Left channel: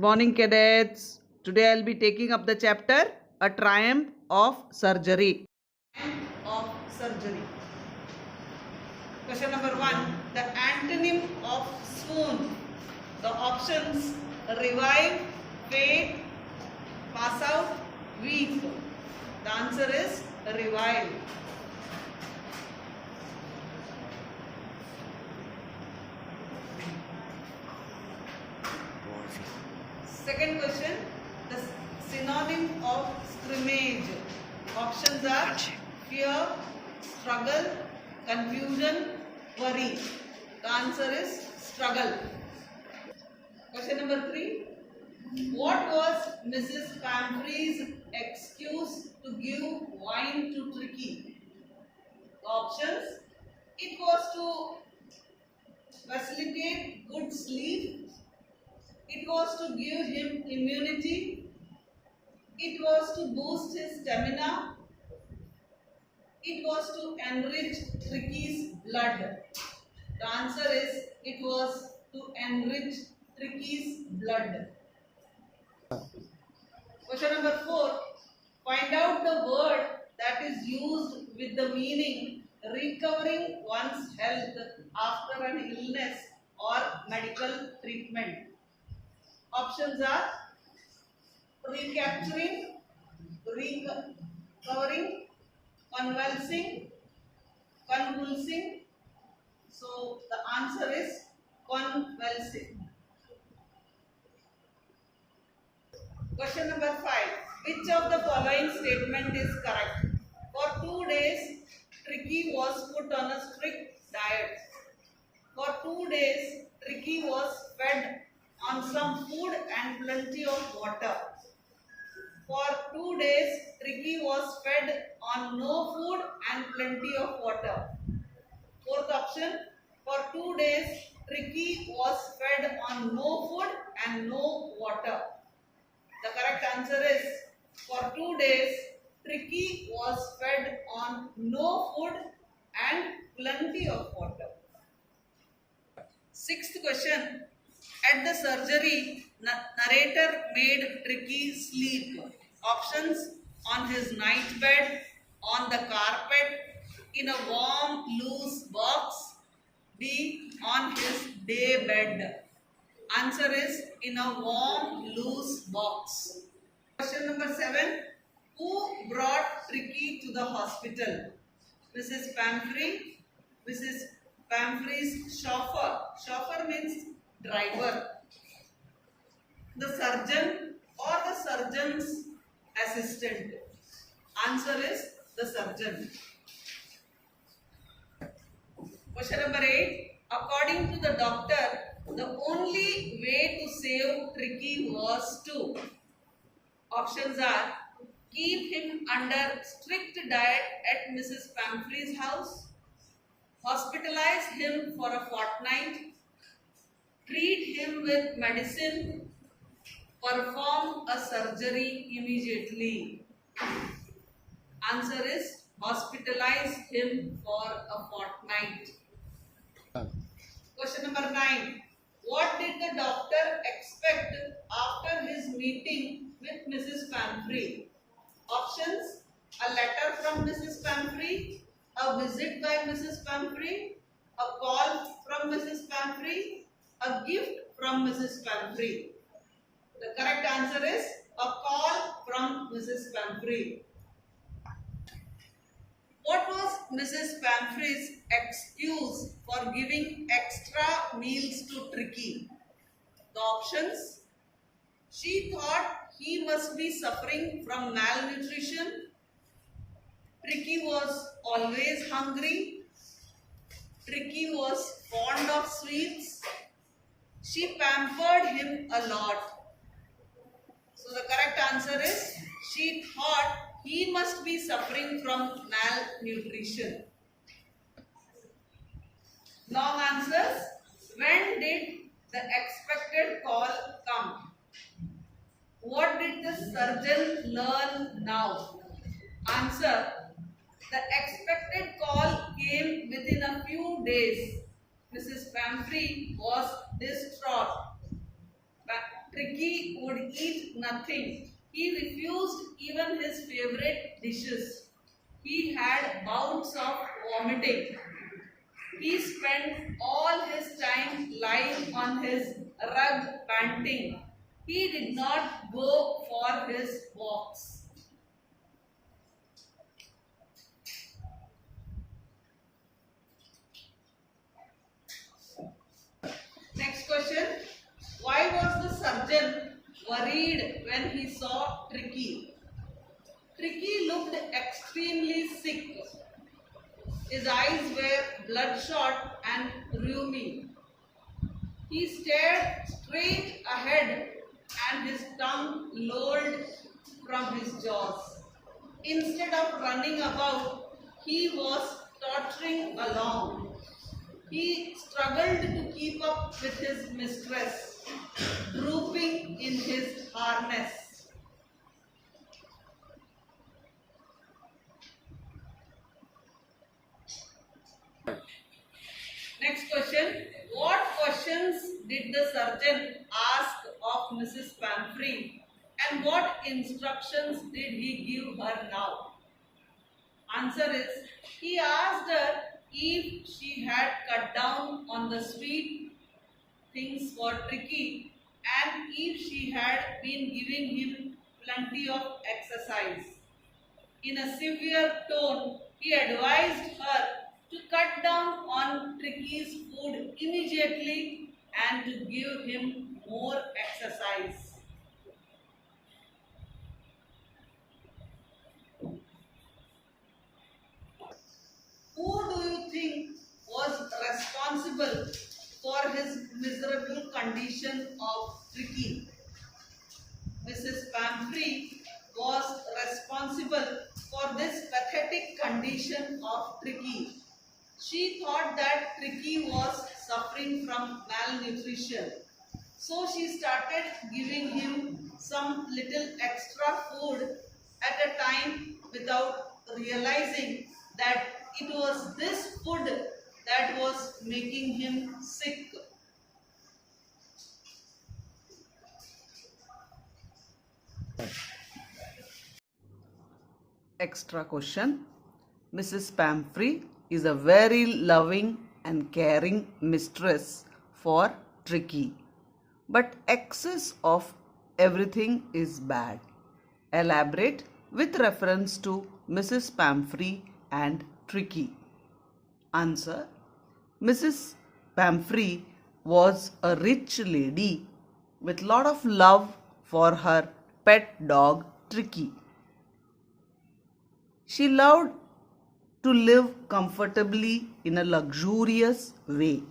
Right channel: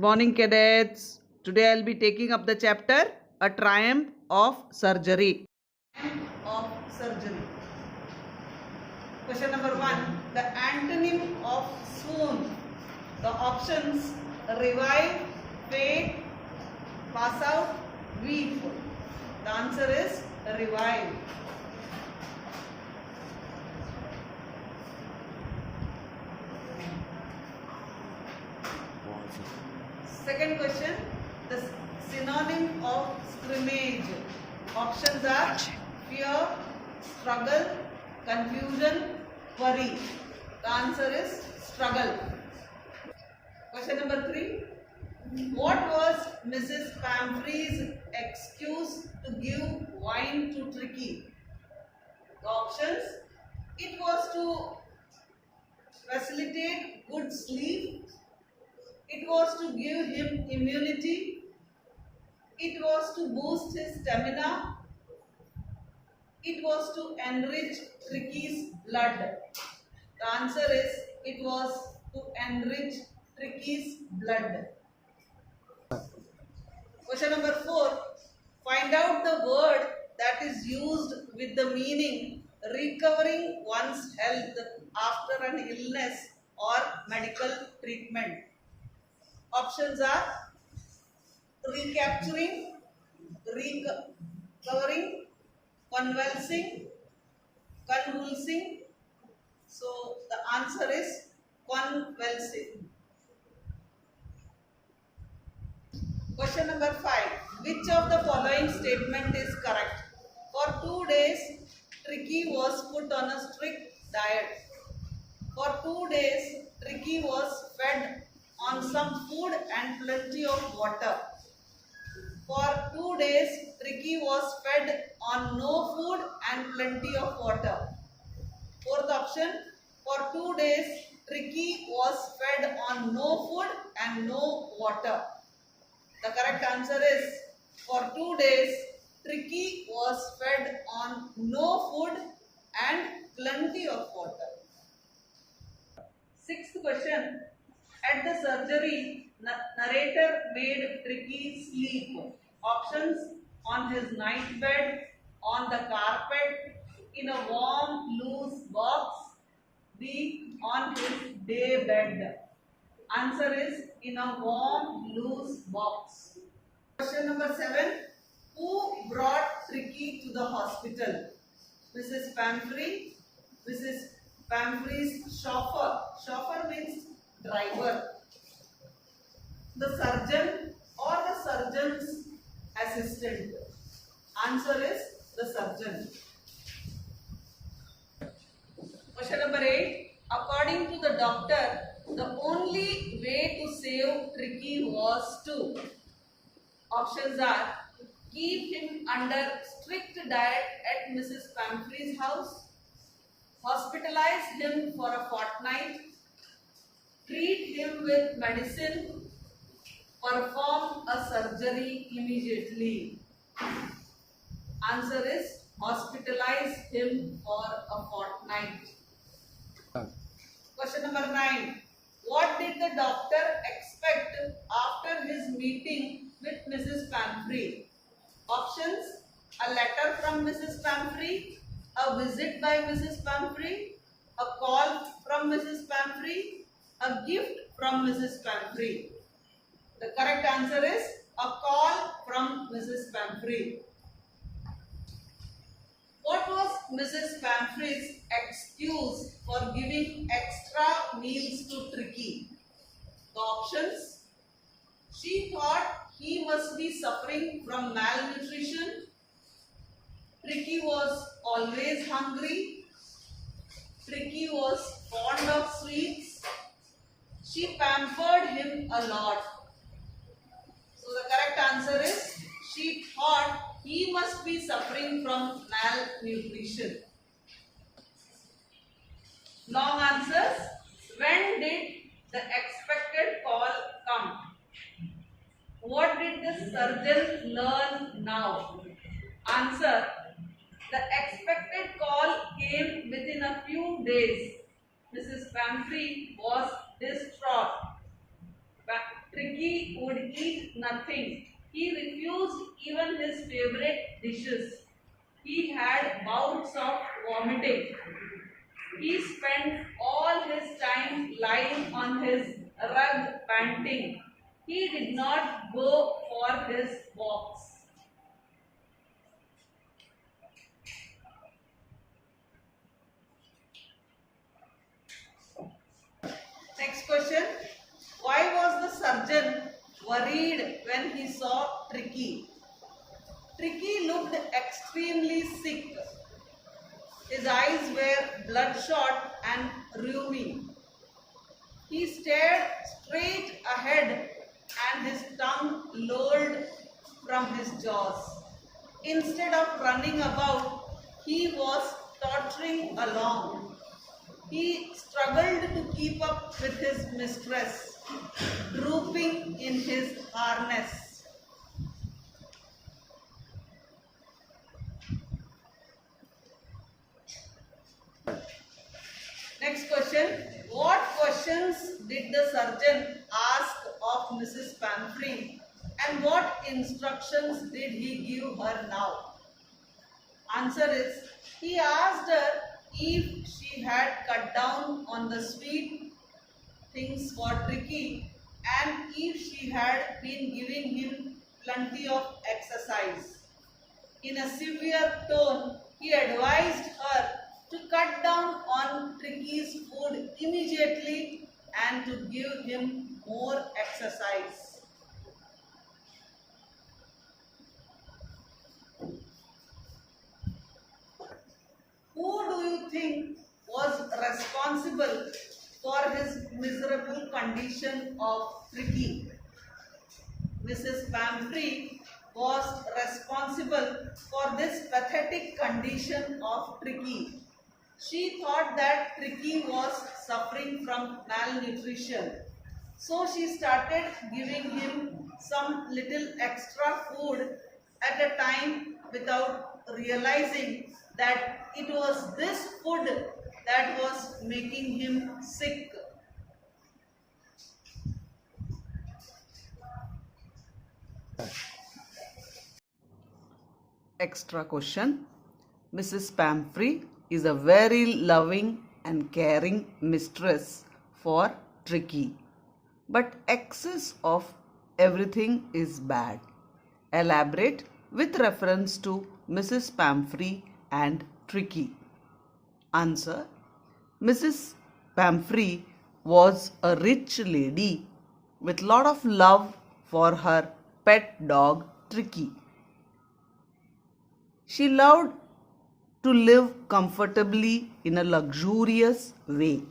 Good morning, cadets. Today I'll be taking up the chapter A Triumph of Surgery. Of surgery. Question number 1. The antonym of swoon. The options: revive, faint, pass out, weep. The answer is revive. Second question, the synonym of scrimmage. Options are fear, struggle, confusion, worry. The answer is struggle. Question number 3. What was Mrs. Pamphree's excuse to give wine to Tricky? The options: it was to facilitate good sleep. It was to give him immunity. It was to boost his stamina. It was to enrich Tricky's blood. The answer is it was to enrich Tricky's blood. Question number 4. Find out the word that is used with the meaning recovering one's health after an illness or medical treatment. Options are recapturing, recovering, convulsing, convulsing. So the answer is convulsing. Question number 5. Which of the following statement is correct? For 2 days, Tricky was put on a strict diet. For 2 days, Tricky was fed on some food and plenty of water. For 2 days, Tricky was fed on no food and plenty of water. Fourth option, for 2 days, Tricky was fed on no food and no water. The correct answer is for 2 days, Tricky was fed on no food and plenty of water. Sixth question. At the surgery, narrator made Tricky sleep. Options: on his night bed, on the carpet, in a warm, loose box. B. On his day bed. Answer is in a warm, loose box. Question number 7. Who brought Tricky to the hospital? Mrs. Pamphre, Mrs. Pamphre's chauffeur. Chauffeur means driver. The surgeon or the surgeon's assistant. Answer is the surgeon. Question number 8. According to the doctor, the only way to save Tricky was to. Options are: keep him under strict diet at Mrs. Pamphre's house, hospitalize him for a fortnight, treat him with medicine, perform a surgery immediately. Answer is hospitalize him for a fortnight. Question number 9. What did the doctor expect after his meeting with Mrs. Pamphre? Options: a letter from Mrs. Pamphre, a visit by Mrs. Pamphre, a call from Mrs. Pamphre, a gift from Mrs. Pamphre. The correct answer is a call from Mrs. Pamphre. What was Mrs. Pamphre's excuse for giving extra meals to Tricky? The options: she thought he must be suffering from malnutrition. Tricky was always hungry. Tricky was fond of sweets. She pampered him a lot. So the correct answer is she thought he must be suffering from malnutrition. Long answers. When did the expected call come? What did the surgeon learn now? Answer: the expected call came within a few days. Mrs. Pamphre was distraught. Tricky would eat nothing. He refused even his favorite dishes. He had bouts of vomiting. He spent all his time lying on his rug panting. He did not go for his walks. Next question. Why was the surgeon worried when he saw Tricky? Tricky looked extremely sick. His eyes were bloodshot and rheumy. He stared straight ahead and his tongue lolled from his jaws. Instead of running about, he was tottering along. He struggled to keep up with his mistress, drooping in his harness. Next question. What questions did the surgeon ask of Mrs. Pamphry and what instructions did he give her now? Answer is, he asked her if she had cut down on the sweet things for Tricky and if she had been giving him plenty of exercise. In a severe tone, he advised her to cut down on Tricky's food immediately and to give him more exercise. Who do you think was responsible for his miserable condition of Tricky? Mrs. Pamphry was responsible for this pathetic condition of Tricky. She thought that Tricky was suffering from malnutrition. So she started giving him some little extra food at a time without realizing that it was this food that was making him sick. Extra question. Mrs. Pamphry is a very loving and caring mistress for Tricky. But excess of everything is bad. Elaborate with reference to Mrs. Pamphry and Tricky. Answer. Mrs. Pamphry was a rich lady with lot of love for her pet dog Tricky. She loved to live comfortably in a luxurious way.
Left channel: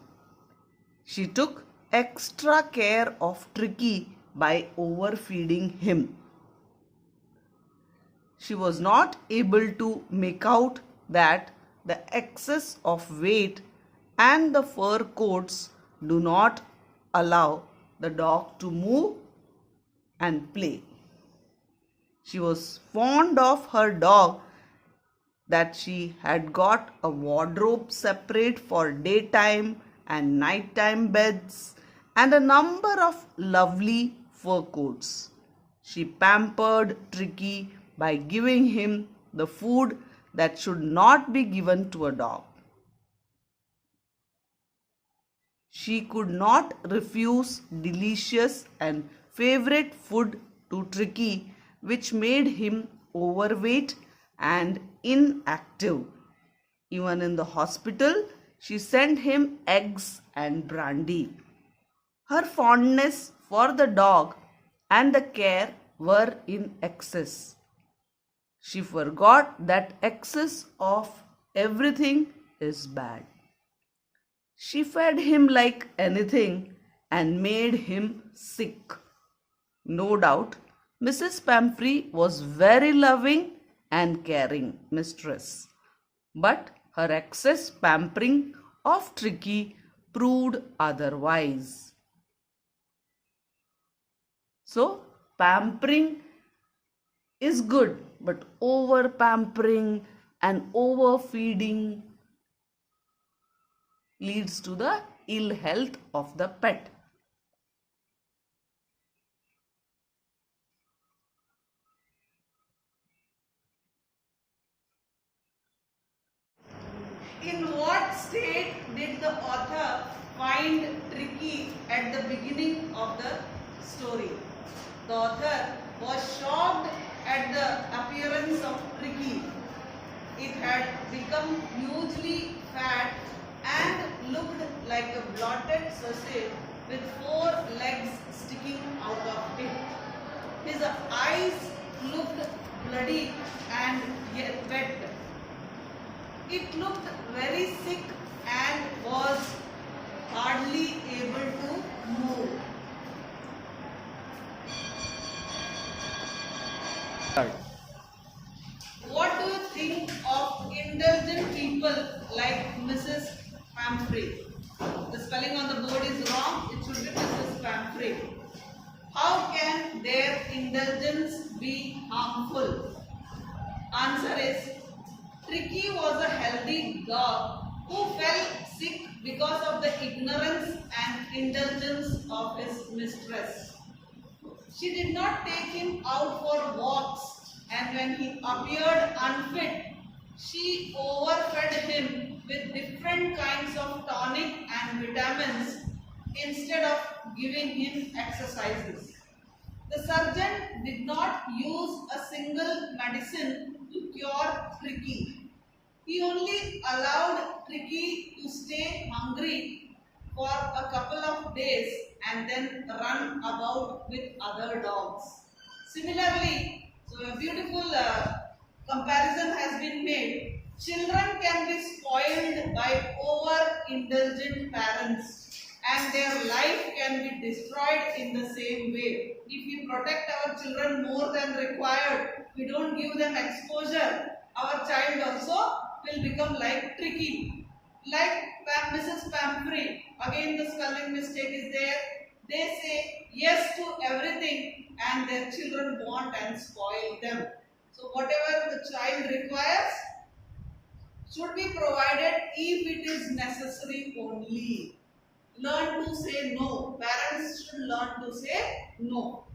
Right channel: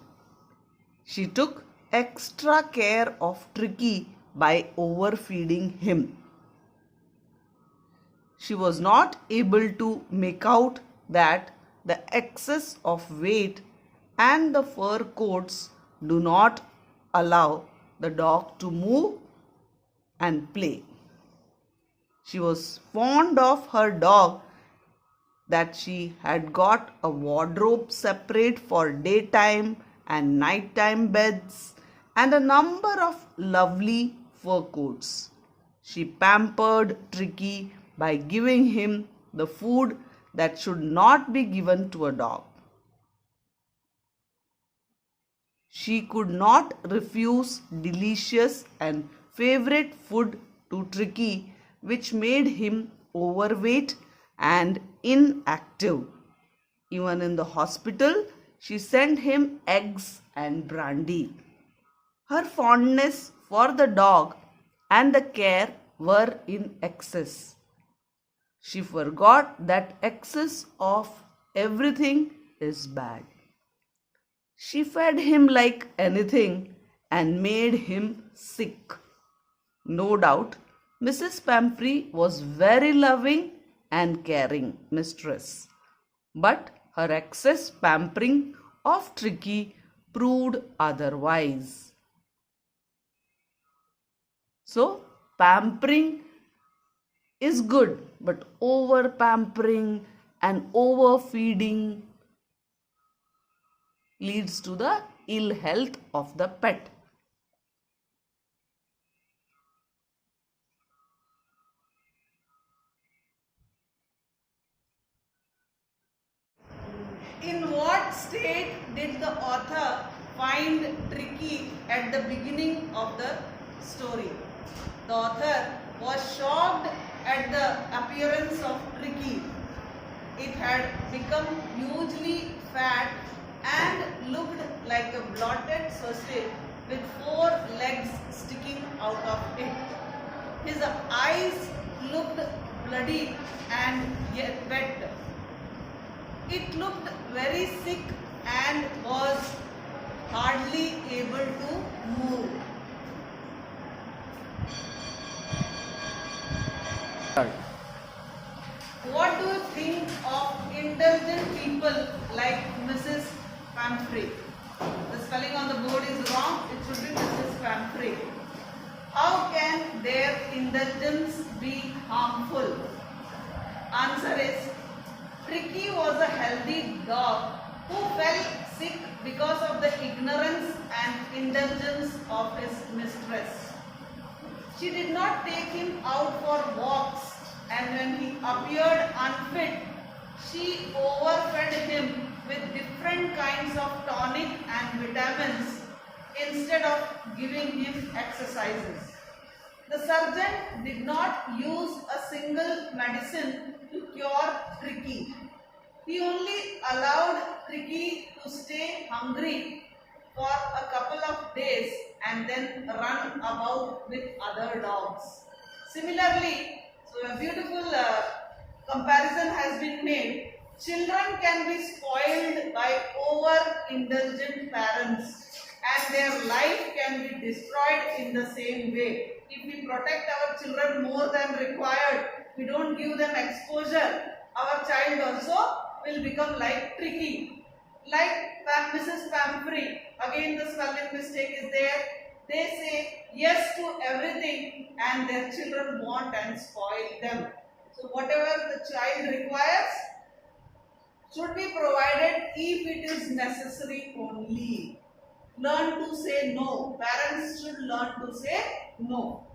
She took extra care of Tricky by overfeeding him. She was not able to make out that the excess of weight and the fur coats do not allow the dog to move and play. She was fond of her dog that she had got a wardrobe separate for daytime and nighttime beds and a number of lovely fur coats. She pampered Tricky by giving him the food that should not be given to a dog. She could not refuse delicious and favorite food to Tricky, which made him overweight and inactive. Even in the hospital, she sent him eggs and brandy. Her fondness for the dog and the care were in excess. She forgot that excess of everything is bad. She fed him like anything and made him sick. No doubt, Mrs. Pamphry was very loving and caring mistress, but her excess pampering of Tricky proved otherwise. So, pampering is good, but over pampering and overfeeding leads to the ill health of the pet. what state did the author find Tricky at the beginning of the story? The author was shocked at the appearance of Tricky. It had become hugely fat and looked like a blotted sausage with 4 legs sticking out of it. His eyes looked bloody and yet wet. It looked very sick and was hardly able to move. What do you think of indulgent people like Mrs. Pamphry? The spelling on the board is wrong. It should be Mrs. Pamphry. How can their indulgence be harmful? Answer is, Tricky was a healthy dog who fell sick because of the ignorance and indulgence of his mistress. She did not take him out for walks, and when he appeared unfit, she overfed him with different kinds of tonic and vitamins instead of giving him exercises. The surgeon did not use a single medicine to cure Tricky. He only allowed Tricky to stay hungry for a couple of days and then run about with other dogs. Similarly, so a beautiful comparison has been made. Children can be spoiled by over-indulgent parents and their life can be destroyed in the same way. If we protect our children more than required, we don't give them exposure, our child also will become like Tricky. Like Mrs. Pamphry, again the spelling mistake is there. They say yes to everything and their children want and spoil them. So whatever the child requires should be provided if it is necessary only. Learn to say no. Parents should learn to say no.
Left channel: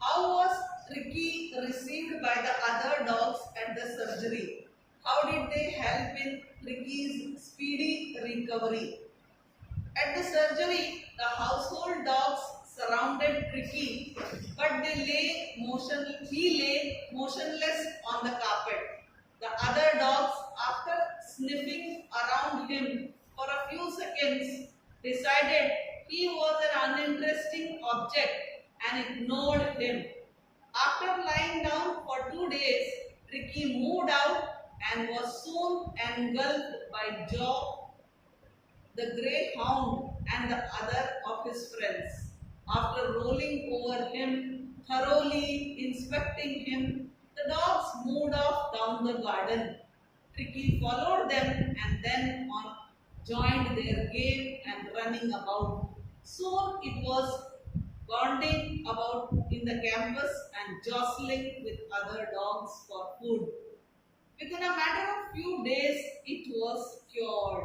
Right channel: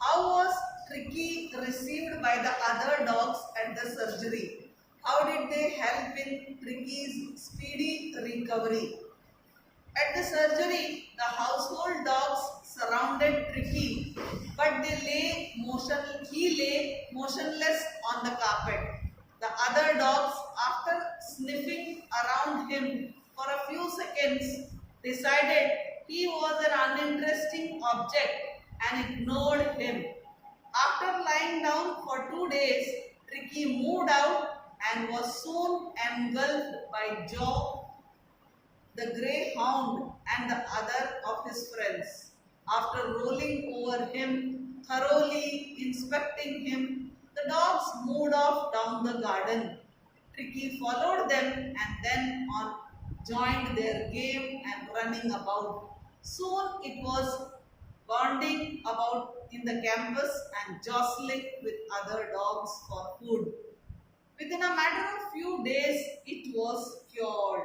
How was Tricky received by the other dogs at the surgery? How did they help in Tricky's speedy recovery? At the surgery, the household dogs surrounded Tricky, but he lay motionless on the carpet. The other dogs, after sniffing around him for a few seconds, decided he was an uninteresting object and ignored him. After lying down for 2 days, Tricky moved out and was soon engulfed by Joe, the greyhound, and the other of his friends. After rolling over him, thoroughly inspecting him, the dogs moved off down the garden. Tricky followed them and then on joined their game and running about. Soon it was bounding about in the campus and jostling with other dogs for food. Within a matter of few days, it was cured.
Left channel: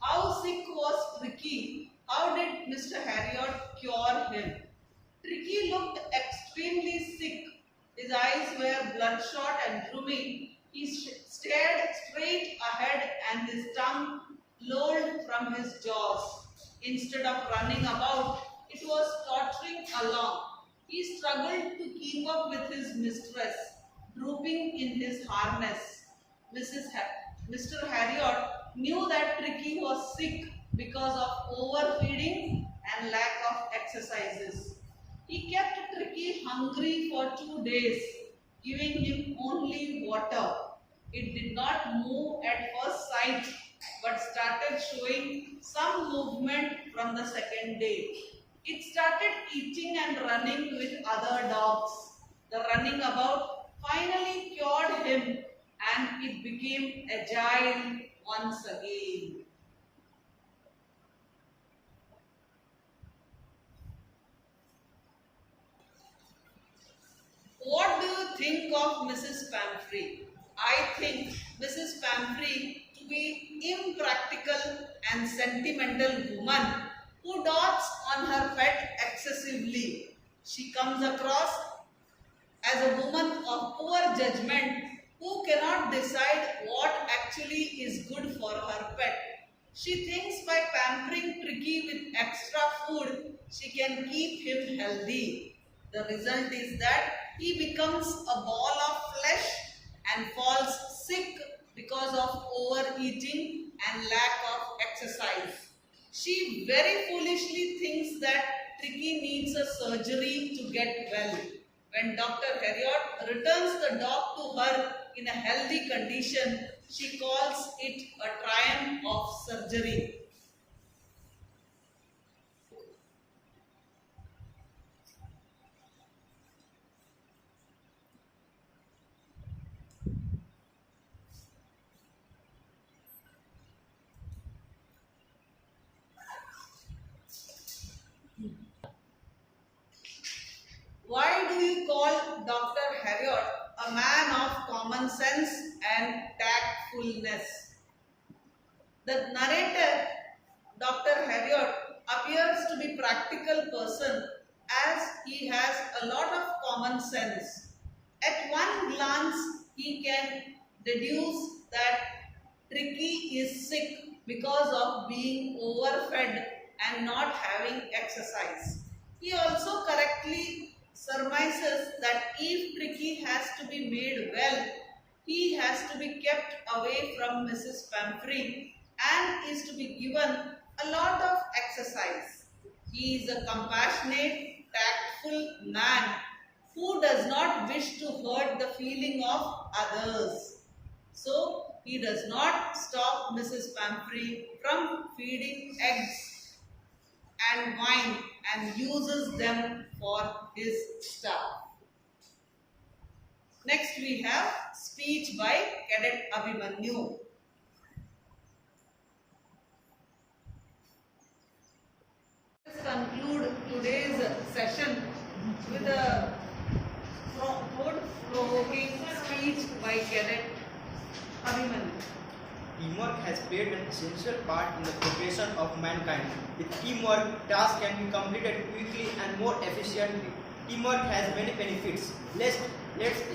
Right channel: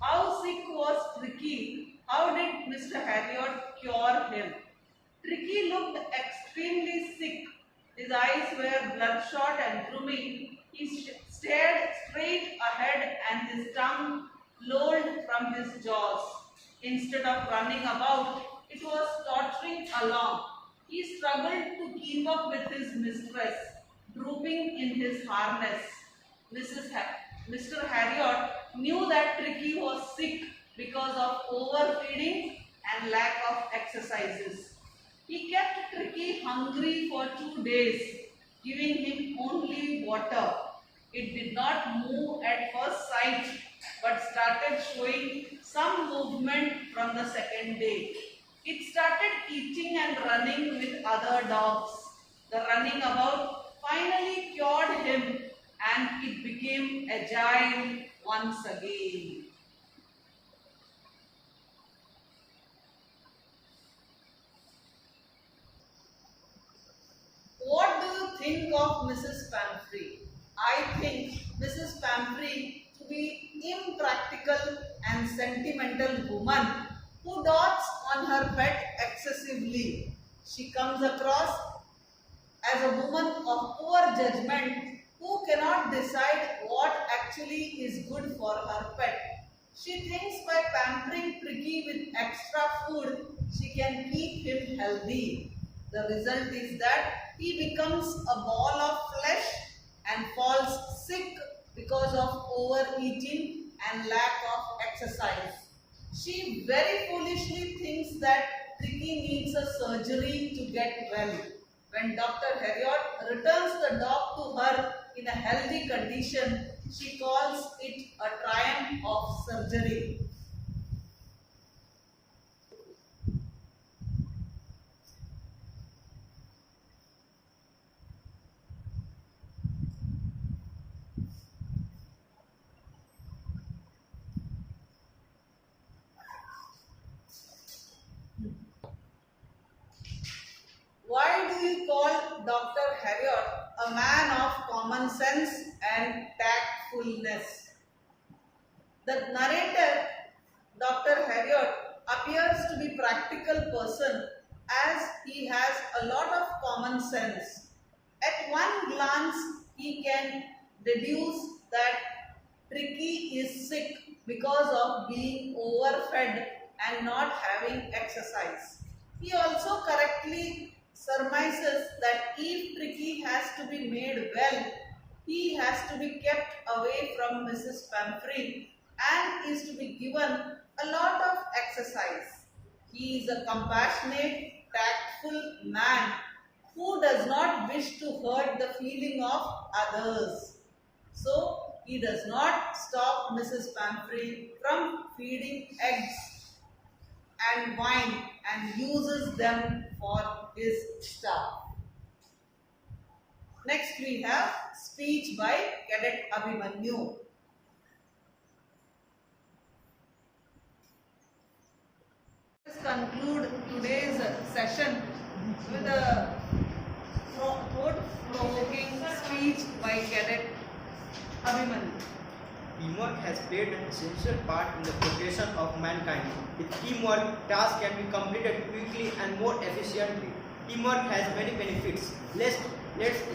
How sick was Tricky? How did Mr. Harriot cure him? Tricky looked extremely sick. His eyes were bloodshot and drooping. He stared straight ahead and his tongue lolled from his jaws. Instead of running about, it was tottering along. He struggled to keep up with his mistress, drooping in his harness. Mr. Harriot knew that Tricky was sick because of overfeeding and lack of exercises. He kept Tricky hungry for 2 days, giving him only water. It did not move at first sight, but started showing some movement from the second day. It started eating and running with other dogs. The running about finally cured him and it became agile once again. think of Mrs. Pamphry? I think Mrs. Pamphry to be impractical and sentimental woman who dotes on her pet excessively. She comes across as a woman of poor judgment who cannot decide what actually is good for her pet. She thinks by pampering Tricky with extra food, she can keep him healthy. The result is that he becomes a ball of flesh and falls sick because of overeating and lack of exercise. She very foolishly thinks that Tricky needs a surgery to get well. When Dr. Harriot returns the dog to her in a healthy condition, she calls it a triumph of surgery. Why do we call Dr. Harriot a man of common sense and tactfulness? The narrator, Dr. Harriot, appears to be a practical person as he has a lot of common sense. At one glance, he can deduce that Tricky is sick because of being overfed and not having exercise. He also correctly surmises that if Tricky has to be made well, he has to be kept away from Mrs. Pamphry and is to be given a lot of exercise. He is a compassionate, tactful man who does not wish to hurt the feeling of others. So, he does not stop Mrs. Pamphry from feeding eggs and wine and uses them for his staff. Next we have speech by Cadet Abhimanyu. Let's conclude today's session with a thought-provoking speech by Cadet Abhimanyu. Teamwork has played an essential part in the progression of mankind. With teamwork, tasks can be completed quickly and more efficiently. Teamwork has many benefits. Let's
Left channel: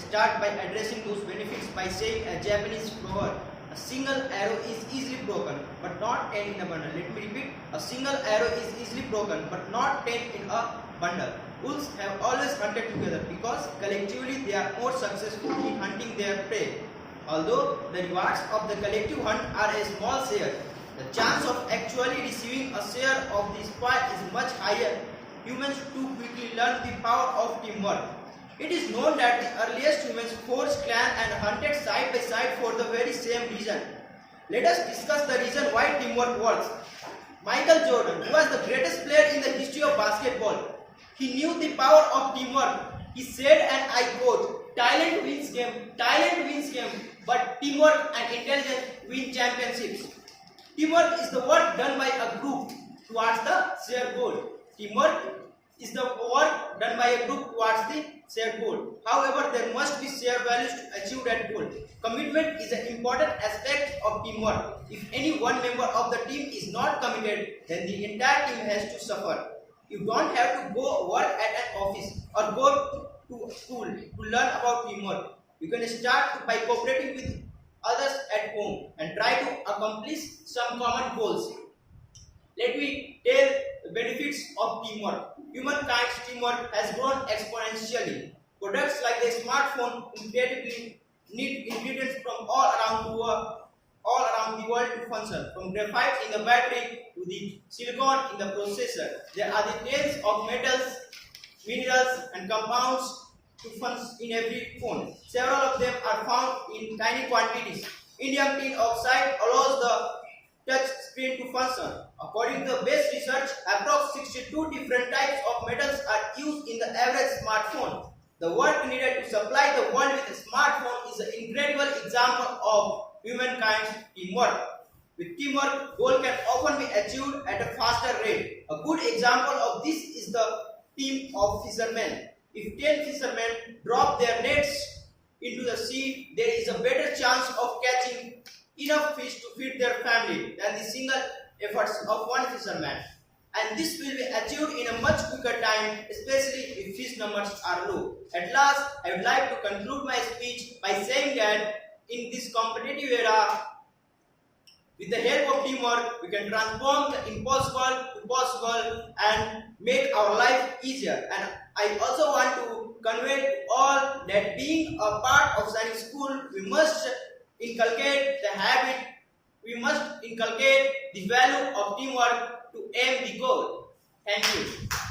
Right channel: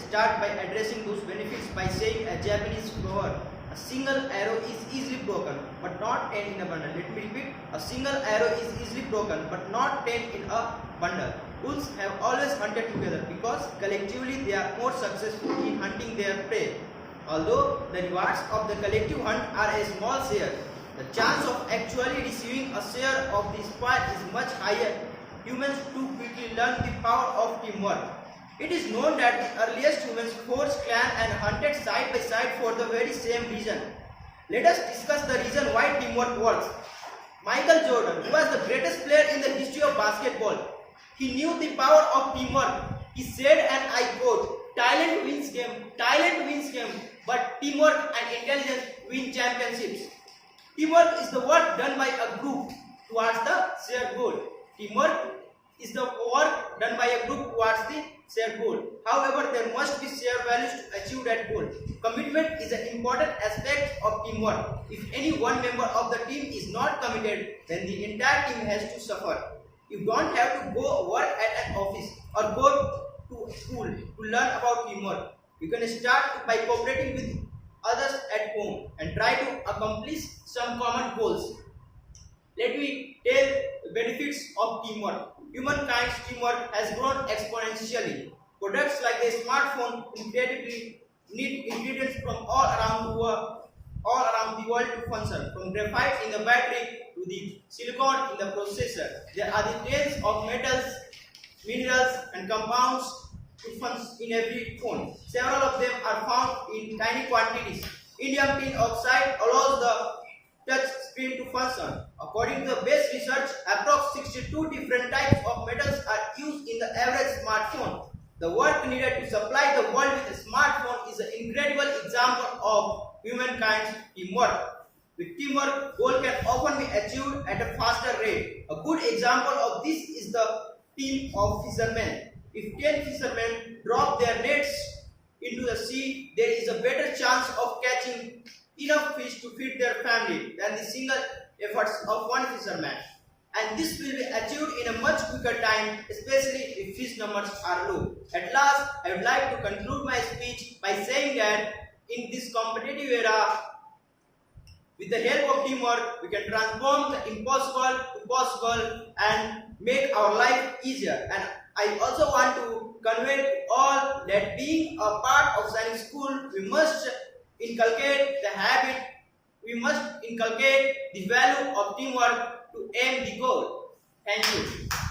start by addressing those benefits by saying a Japanese proverb: a single arrow is easily broken, but not 10 in a bundle. Let me repeat: a single arrow is easily broken, but not 10 in a bundle. Wolves have always hunted together because collectively they are more successful in hunting their prey. Although the rewards of the collective hunt are a small share, the chance of actually receiving a share of the spoil is much higher. Humans too quickly learn the power of teamwork. It is known that the earliest humans forged clans and hunted side by side for the very same reason. Let us discuss the reason why teamwork works. Michael Jordan, who was the greatest player in the history of basketball, he knew the power of teamwork. He said, and I quote, talent wins game, but teamwork and intelligence win championships. Teamwork is the work done by a group towards the shared goal. Teamwork is the work done by a group towards the shared goal. However, there must be shared values to achieve that goal. Commitment is an important aspect of teamwork. If any one member of the team is not committed, then the entire team has to suffer. You don't have to go work at an office or go to school to learn about teamwork. You can start by cooperating with others at home and try to accomplish some common goals. Let me tell the benefits of teamwork. Humankind's teamwork has grown exponentially. Products like the smartphone incredibly need ingredients from all around the world to function, from graphite in the battery to the silicon in the processor. There are the tens of metals, minerals and compounds to function in every phone. Several of them are found in tiny quantities. Indium tin oxide allows the touch screen to function. According to the best research, approximately 62 different types of metals are used in the average smartphone. The work needed to supply the world with a smartphone is an incredible example of humankind's teamwork. With teamwork, goal can often be achieved at a faster rate. A good example of this is the team of fishermen. If 10 fishermen drop their nets into the sea, there is a better chance of catching enough fish to feed their family than the single efforts of one fisherman. And this will be achieved in a much quicker time, especially if fish numbers are low. At last, I would like to conclude my speech by saying that in this competitive era, with the help of teamwork, we can transform the impossible to possible and make our life easier. And I also want to convey to all that being a part of Sainik School, we must inculcate the habit, we must inculcate the value of teamwork to aim the goal. Thank you.